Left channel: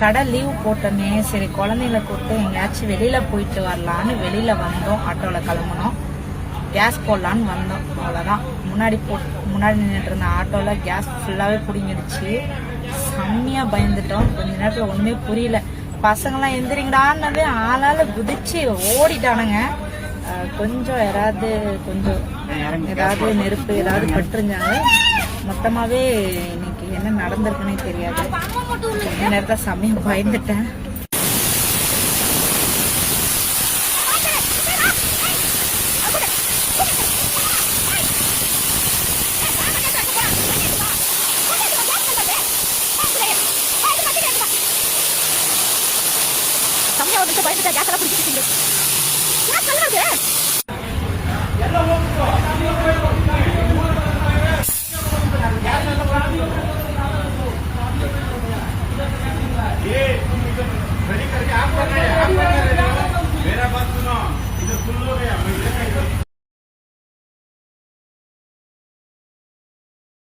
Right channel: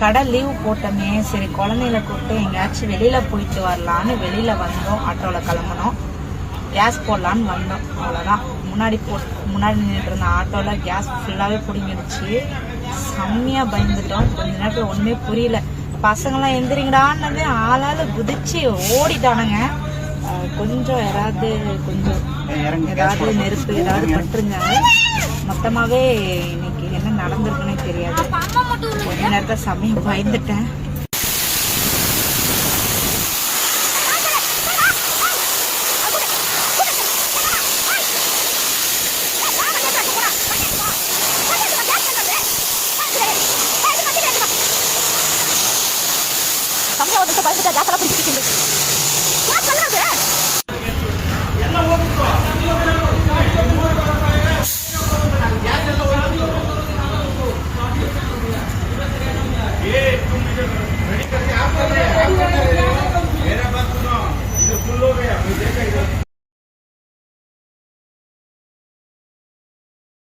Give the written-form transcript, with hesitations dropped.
கடை லீவ் போட்டோமே, சரி குழந்தைங்கள கூப்பிட்டு எங்கேயாச்சும் வெளியில போயிட்டு வரலான்னு வெளியில வந்தோம். ஆட்டோவில் கிளம்புனோம். கேஸ் போடலான்னு வந்தோம். அவ்வளோதான். முன்னாடி நின்றுட்டு இருந்த ஆட்டோவில் கேஸ் ஃபுல்லாகவே பிடிங்கிடுச்சு. செம்மையாக பயந்துட்டோம். கொஞ்ச நேரத்தில் ஒன்றுமே புரியல. பசங்களாம் எந்திரிங்கடான்னு ஆளால குதிச்சு ஓடிட்டானுங்க. கொஞ்சம் ஏதாவது நெருப்பு ஏதாவது பட்டுருந்தாங்க. மொத்தமாகவே இன்னைக்கு என்ன நடந்திருக்குன்னே தெரியாது. கொஞ்ச நேரத்தில் செம்மையாக பயந்துட்டேன். பயந்துட்டா கேஸ் எல்லாம் பிடிச்சிட்டு